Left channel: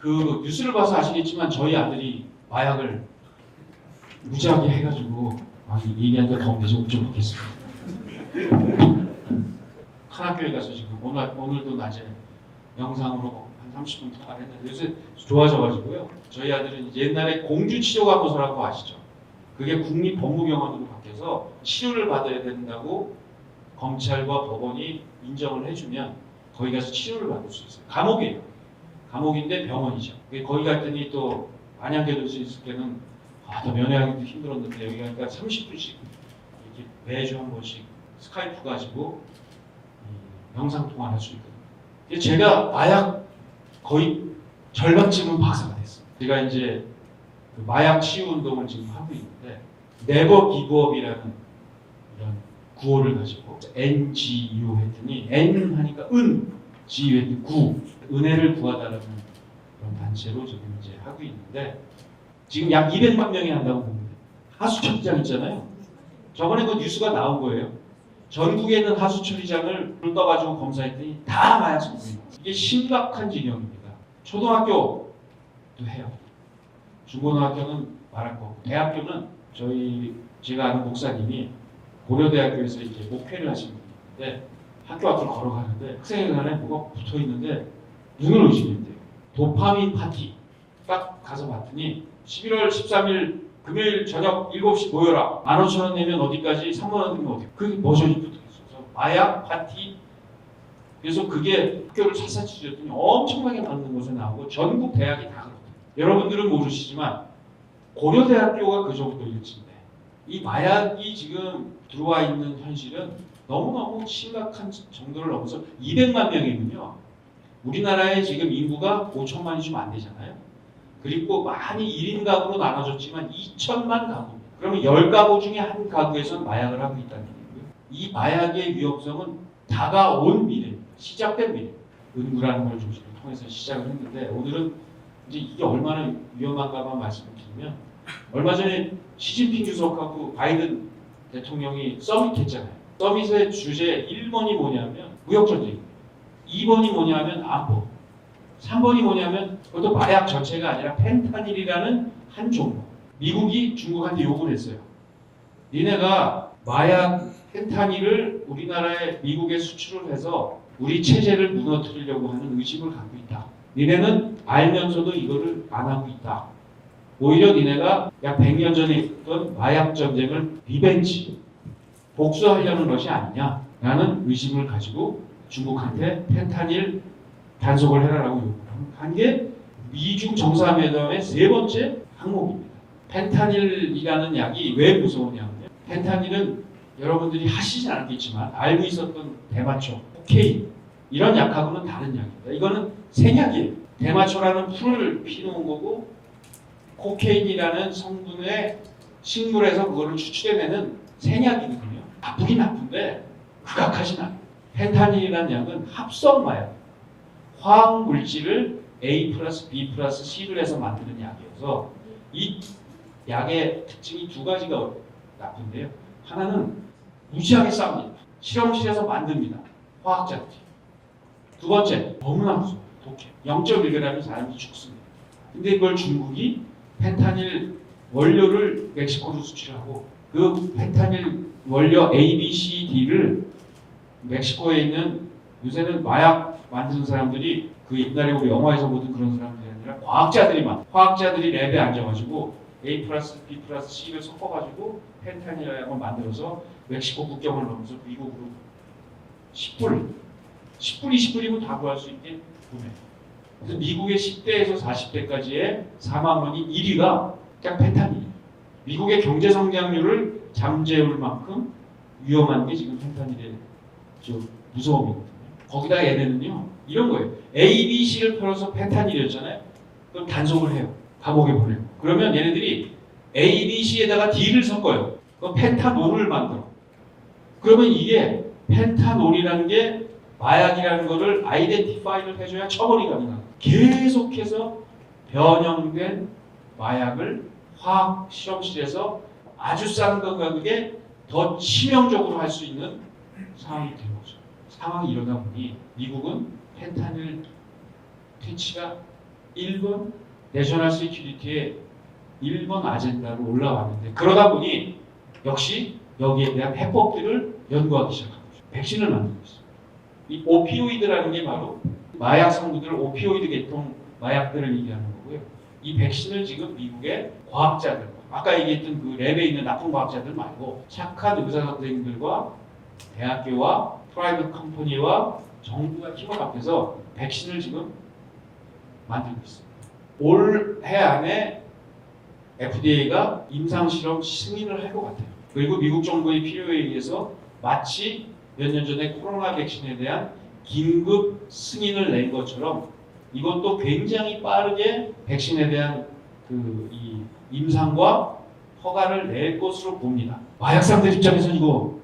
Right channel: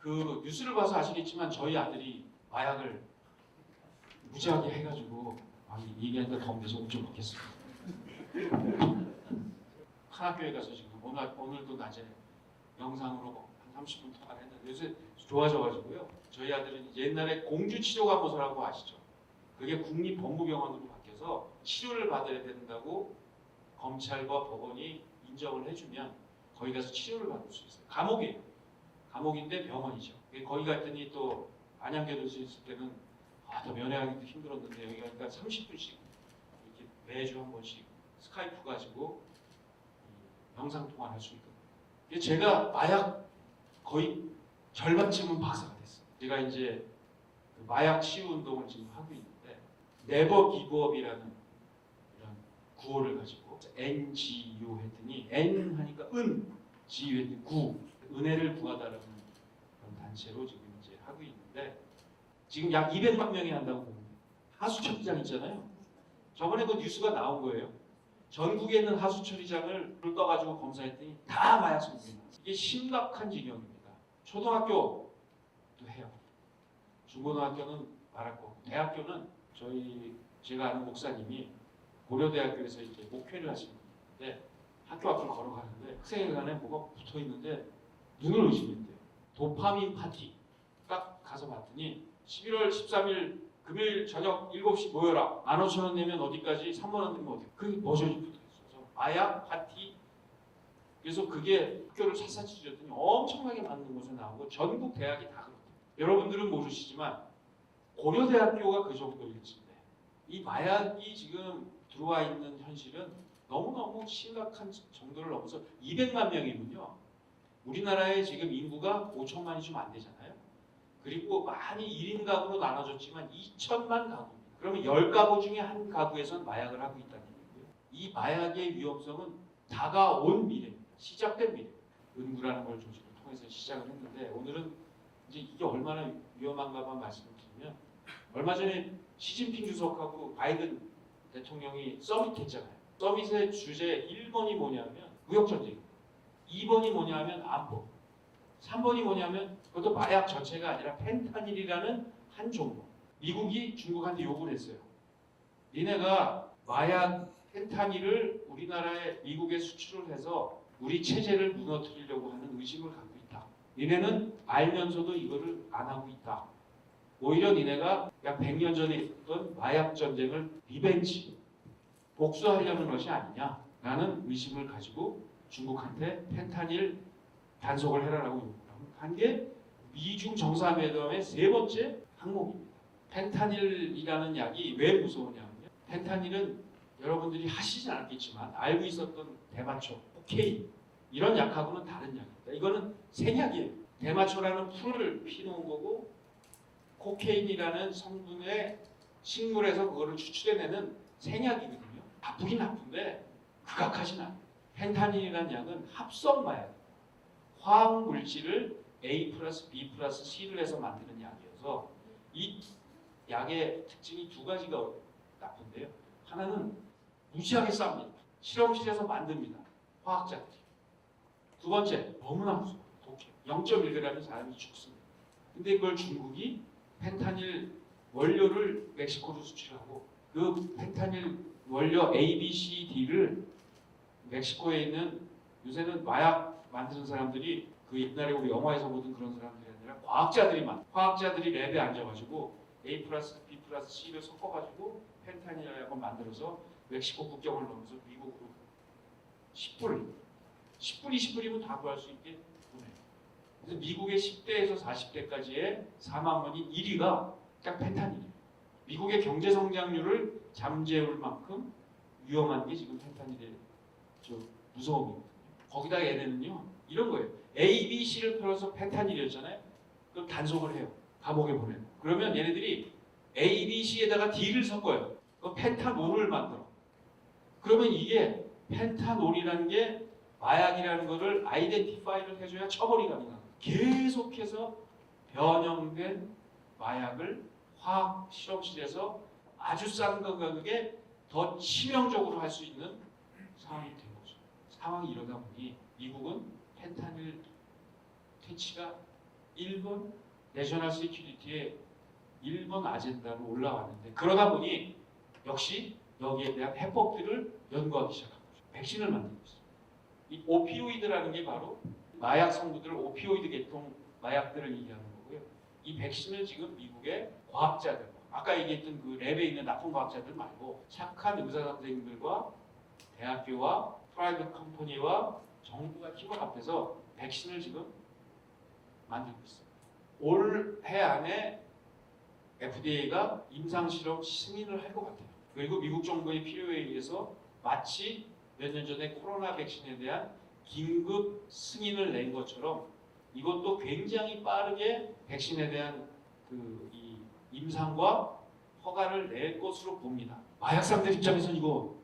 그 뉴스를 봐서 아시겠지만 저희 아들이 마약을 무지하게 해가지고 얘기하니까 더 매정 좀 하겠습니다. 한 학교에 가서 지금 오늘도 낮에 영상으로 한 30분 통화를 했는데 요새 좋아져가지고요. 저희 아들은 옛날에 공주치료감호소라고 아시죠? 그게 국립법무병원으로 바뀌어서 치료를 받아야 된다고 검찰과 법원이 인정을 해주면 거기 가서 치료를 받을 수 있어요. 감옥이에요. 감옥인데 병원이죠. 거기 갔더니 또 안양교도소 있을 때는 더 면회하기도 힘들었는데 여기 가니까 30분씩 이렇게 매주 한 번씩 스카이프 가지고 영상통화를 할 수 있거든요. 제가 마약 거의 절반쯤은 박사가 됐어요. 제가 이제 그 마약 치유 운동을 지금 하고 있는데 네버 기브업이라는 이런 구호를 가지고 NGU 했더니 N 하니까 은, G 했더니 구, 은혜를 구하다라는 그런 단체로 지금 이제 하고 있는데 지금 약 200만 명이 한다고 봅니다. 하수 처리장 있잖아요. 저번에 그 뉴스가 나온 거예요. 전국에 있는 하수 처리장을 불 떠가지고 검사했더니 다 마약 성분입니다. 이게 심각한 지경입니다. 초등학교도 해요. 중고등학교는 말할 거고 대학교는 제가 아는 목사님이 고려대학교에서 이제 목회를 하시는 분인데 학교 앞을 걸어가는데 학생회관에 뭐가 붙어 있는데 눈을 의심했대요. 도파민 파티. 딱 가서 봤더니 11월 13일 금요일 저녁 7시 모여라. 15,000원 내면 어디까지 3만원 내면 어디. 그게 버전이 붙어 있어서 마약 파티. 그래서 그게 학교를 샅샅이 뒤졌더니 엄청나게 많은 곳에 나오고 전국 대학이 다 그렇거든요. 여러분들은 모르시지만 고려대학교가 그 정도일진데 이 마약이 지금 들어와 있는 현실은 너무너무 심각한 정도를 넘어서 200만 명이군요. 우리나라의 지금 인구가 5천만이 좀 안 되잖아요. 그리고 많이 1인 가구로 나눠졌지만 2천만 가구. 그러면 10가구 중에 한 가구에서는 마약을 하고 있다는 얘기고요. 이 마약의 위험성은 다가온 미래입니다. 시작된 미래. 은구라는 걸 중심으로 통해서 시작을 했는데 오늘은 이제 이게 얼마나 위험한가만 말씀을 드리면 얼마 전에 시진핑 주석하고 바이든 대통령이 서밋했잖아요. 서밋의 주제 1번이 뭐냐면 무역전쟁, 2번이 뭐냐면 안보, 3번이 뭐냐면 그것도 마약 전체가 아니라 펜타닐이라는 한 종목. 미국이 중국한테 요구를 했어요. 니네가 마약 펜타닐을 우리나라에 미국에 수출을 해서 우리 체제를 무너뜨리려고 하는 의식을 갖고 있다. 니네는 알면서도 이거를 안 하고 있다. 오히려 니네가 약 100년 전에 있던 마약 전쟁을 리벤지, 복수하려는 것이 아니냐라는 의심을 가지고 중국한테 펜타닐 단속을 해라라고 한 게 미중 정상회담의 3번째 항목입니다. 펜타닐이라는 약이 왜 무서우냐면 펜타닐은 여러분들이 하시진 않겠지만 알고 있었던 대마초, 코케인 이런 약하고는 다른 약입니다. 이거는 생약이에요. 대마초라는 풀을 피놓은 거고 코케인이라는 성분의 식물에서 그거를 추출해내는 생약이거든요. 나쁘긴 나쁜데 극악하진 않아요. 펜타닐이라는 약은 합성 마약, 화학 물질을 A 플러스 B 플러스 C를 해서 만드는 약이어서 이 약의 특징이 2가지가 나쁜데요. 하나는 무지하게 쌉니다. 실험실에서 만듭니다. 화학자들이. 2번째, 너무나 무서워요. 독해. 0.1g이 사람이 죽습니다. 근데 그걸 중국이 펜타닐 원료를 멕시코로 수출하고 그 펜타닐 원료 A, B, C, D를 멕시코에 있는 요새는 마약 만드는 사람들이 그 옛날에 우리 영화에서 보던 그런 사람들이 아니라 과학자들이 랩에 앉아가지고 A 플러스 B 플러스 C를 섞어가지고 펜타닐을 만들어서 멕시코 국경을 넘어서 미국으로 10불, 20불이면 다 구할 수 있게 보내요. 그래서 미국의 10대에서 40대까지의 사망원인 1위가 딱 펜타닐이에요. 미국의 경제 성장률을 잠재울 만큼 위험한 게 지금 펜타닐의 무서움이거든요. 거기다 얘네는요 이런 거예요. A, B, C를 풀어서 펜타닐이었잖아요. 그럼 단속을 해요. 감옥에 보내고. 그러면 얘네들이 A, B, C에다가 D를 섞어요. 그럼 펜타놀을 만들어. 그러면 이게 펜타놀이라는 게 마약이라는 거를 아이덴티파이를 해줘야 처벌이 가능합니다. 계속해서 변형된 마약을 화학 실험실에서 아주 싼 가격에 더 치명적으로 할 수 있는 상황이 된 거죠. 상황이 이러다 보니 미국은 펜타닐 퇴치가 1번 내셔널 시큐리티의 1번 아젠다로 올라왔는데 그러다 보니 역시 여기에 대한 해법들을 연구하기 시작한 거죠. 백신을 만들고 있어요. 이 오피오이드라는 게 바로 마약 성분들, 오피오이드 계통 마약들을 얘기하는 거고요. 이 백신을 지금 미국의 과학자들, 아까 얘기했던 그 랩에 있는 나쁜 과학자들 말고 착한 의사 선생님들과 대학교와 프라이빗 컴퍼니와 정부가 팀을 합해서 백신을 지금 만들고 있습니다. 올해 안에 FDA가 임상실험 승인을 할 것 같아요. 그리고 미국 정부의 필요에 의해서 마치 몇 년 전에 코로나 백신에 대한 긴급 승인을 낸 것처럼 이것도 굉장히 빠르게 백신에 대한 이 임상과 허가를 낼 것으로 봅니다. 마약상들 입장에서는 이거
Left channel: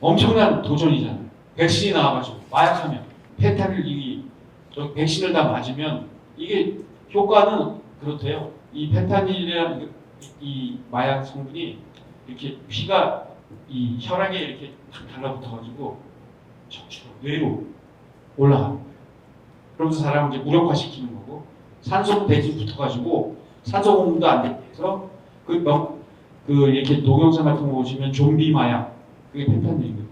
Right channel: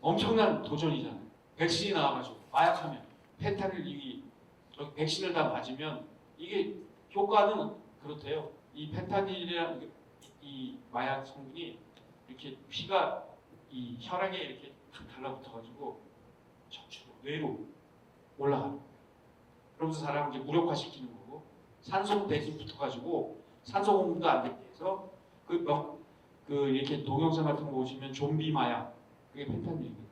엄청난 도전이잖아요. 백신이 나와가지고 마약하면 펜타닐 저 백신을 다 맞으면 이게 효과는 그렇대요. 이 펜타닐이라는 이 마약 성분이 이렇게 피가 이 혈액에 이렇게 탁 달라붙어가지고 척추로 뇌로 올라가는 거예요. 그러면서 사람을 이제 무력화시키는 거고 산소 대기 붙어가지고 산소 공급도 안 되게 해서 이렇게 동영상 같은 거 보시면 좀비 마약 그게 펜타닐이거든요.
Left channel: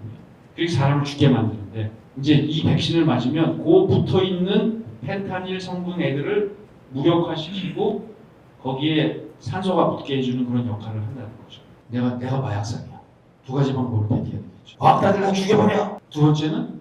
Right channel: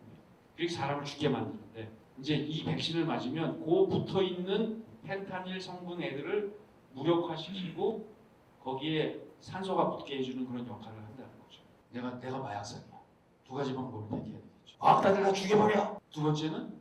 그게 사람을 죽게 만드는데 이제 이 백신을 맞으면 그 붙어 있는 펜타닐 성분 애들을 무력화시키고 거기에 산소가 붙게 해주는 그런 역할을 한다는 거죠. 내가 마약상이야. 두 가지 방법을 대기해야겠죠. 과학자들 다 죽여버려. 두 번째는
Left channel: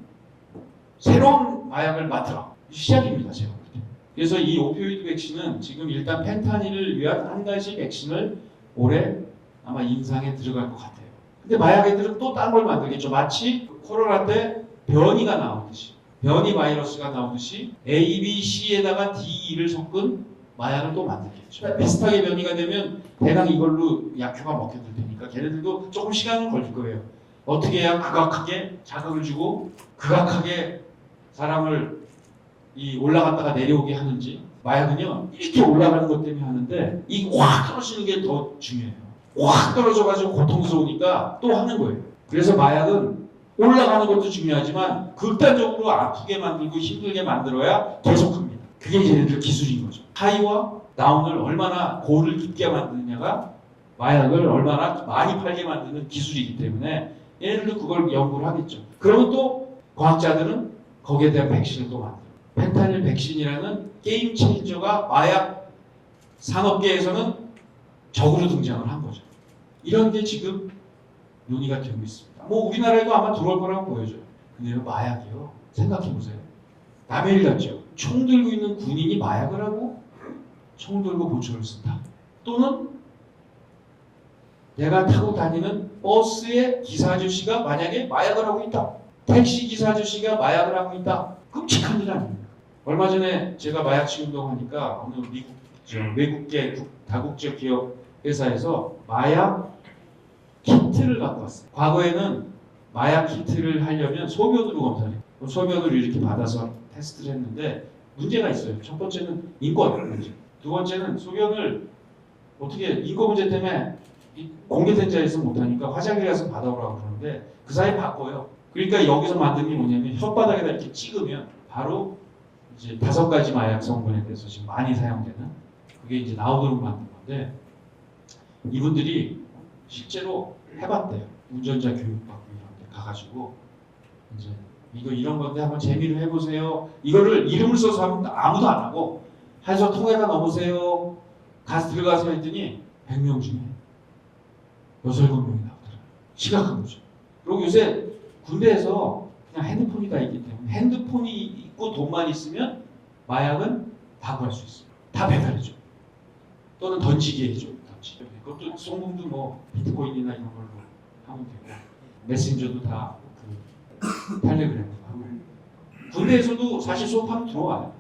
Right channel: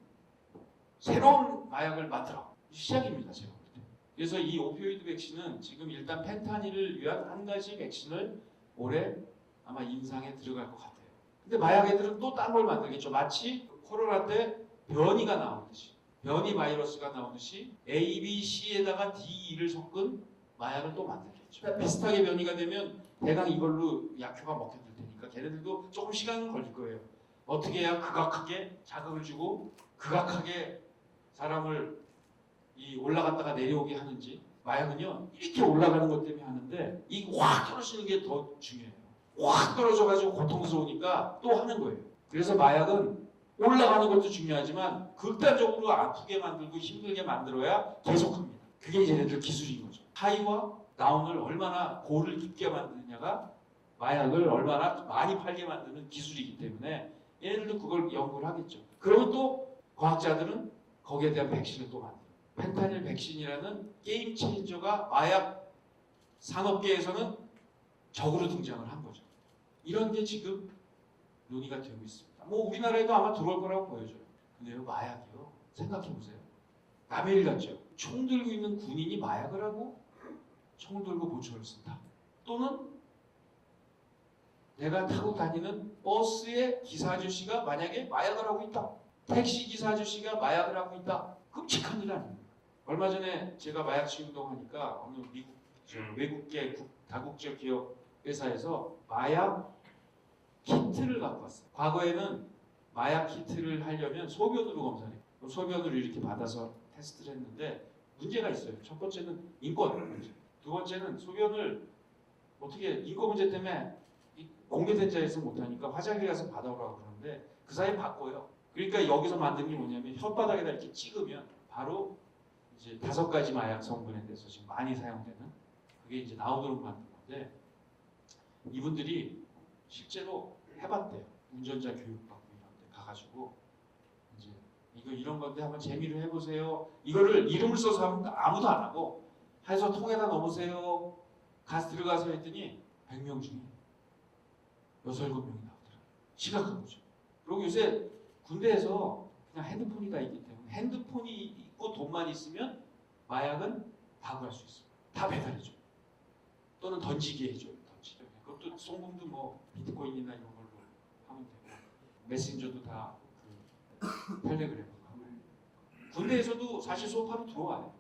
새로운 마약을 맡으라. 시작입니다, 제가 볼 때. 그래서 이 오피오이드 백신은 지금 일단 펜타닐을 위한 한 가지 백신을 올해 아마 임상에 들어갈 것 같아요. 근데 마약 애들은 또 딴 걸 만들겠죠. 마치 코로나 때 변이가 나오듯이, 변이 바이러스가 나오듯이 A, B, C에다가 D, E를 섞은 마약을 또 만들겠죠. 비슷하게 변이가 되면 대강 이걸로 약효가 먹혀들 테니까 걔네들도 조금 시간은 걸릴 거예요. 어떻게 해야 극악하게 자극을 주고 극악하게 사람을 올라갔다가 내려오게 하는지. 마약은요 이렇게 올라가는 것 때문에 하는데 이 확 떨어지는 게 더 중요해요. 확 떨어져가지고 고통스러우니까 또 하는 거예요. 그래서 마약은 올라가는 것도 중요하지만 극단적으로 아프게 만들고 힘들게 만들어야 계속합니다. 그게 얘네들 기술인 거죠. 하이와 다운을 얼마나 고를 깊게 만드느냐가 마약을 얼마나 많이 팔게 만드는 기술이기 때문에 얘네들도 그걸 연구를 하겠죠. 그러면 또 과학자들은 거기에 대한 백신을 또 만들어요. 펜타닐 백신이라는 게임 체인저가 마약 산업계에서는 적으로 등장을 한 거죠. 이런 게 지금 논의가 되고 있습니다. 뭐 우리나라에도 아마 들어올 거라고 보여져요. 근데 마약이요. 생각해보세요. 남의 일 같죠. 총 들고 있는 군인이 마약을 하고 총 들고 보초를 쓴다. 또는 내가 타고 다니는 버스의 기사 아저씨가 만약에 마약을 하고 있다. 택시 기사 아저씨가 마약을 하고 있다. 끔찍한 일 아닙니까? 얼마 전에 제가 마약치 운동하니까 어느 미국 외국계 다국적 기업 회사에서 마약 키트를 갖고 왔어요. 과거에는 마약 키트를 하려면 소변으로 검사해요. 소변으로 이렇게 받아서 테스트를 했는데 문제가 있어요. 첫 번째는 인권 문제. 두 번째는 소변을 어떻게 인권 문제 때문에 공개된 자리에서 못하니까 화장실 가서 받아오라고 그러는데 그 사이에 바꿔요. 그러니까 여기서 만든 게 뭐냐면 혓바닥에다 이렇게 찍으면 바로 이제 5가지 마약 성분에 대해서 지금 많이 사용되는 그게 이제 나오도록 만든 건데 이분들이 실제로 해봤대요. 운전자 교육받고 이런 데 가가지고 이제 이런 건데 한번 재미로 해보세요. 이거를 이름을 써서 하면 아무도 안 하고 해서 통에다 넣으세요. 가서 들어가서 했더니 100명 중에 6, 7명이 나오더라고요. 심각한 거죠. 그리고 요새 군대에서 그냥 핸드폰이 다 있기 때문에 핸드폰이 있고 돈만 있으면 마약은 다 구할 수 있어요. 다 배달해줘. 또는 던지게 해줘. 던지게. 그것도 송금도 뭐 비트코인이나 이런 걸로 하면 되고 메신저도 다 텔레그램으로 하고 군대에서도 사실 수업하면 들어와요.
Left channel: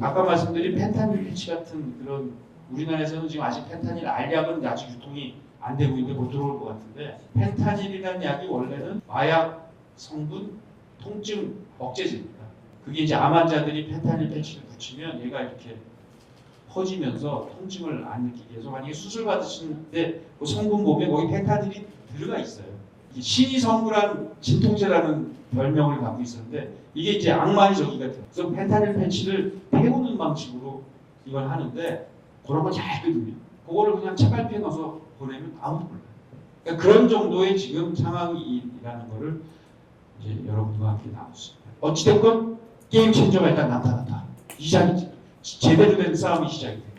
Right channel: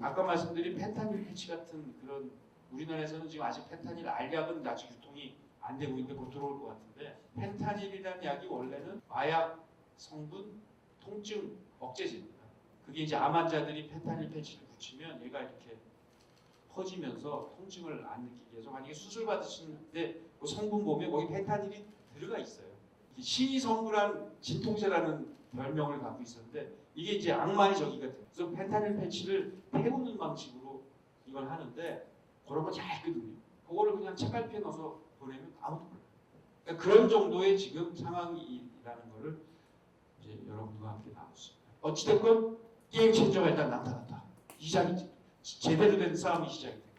아까 말씀드린 펜타닐 패치 같은 그런 우리나라에서는 지금 아직 펜타닐 알약은 아직 유통이 안 되고 있는데 못 들어올 것 같은데 펜타닐이라는 약이 원래는 마약 성분 통증 억제제입니다. 그게 이제 암 환자들이 펜타닐 패치를 붙이면 얘가 이렇게 퍼지면서 통증을 안 느끼게 해서 만약에 수술 받으시는데 그 성분 보면 거기 펜타닐이 들어가 있어요. 신이성구라는 진통제라는 별명을 갖고 있었는데 이게 이제 악마의 저기가 돼요. 그래서 펜타닐 패치를 태우는 방식으로 이걸 하는데 그런 걸 잘 끄든요. 그거를 그냥 책갈피에 넣어서 보내면 아무도 몰라요. 그러니까 그런 정도의 지금 상황이라는 거를 이제 여러분과 함께 나눴습니다. 어찌됐건 게임 체인저가 일단 나타났다. 제대로 된 싸움이 시작이 돼요.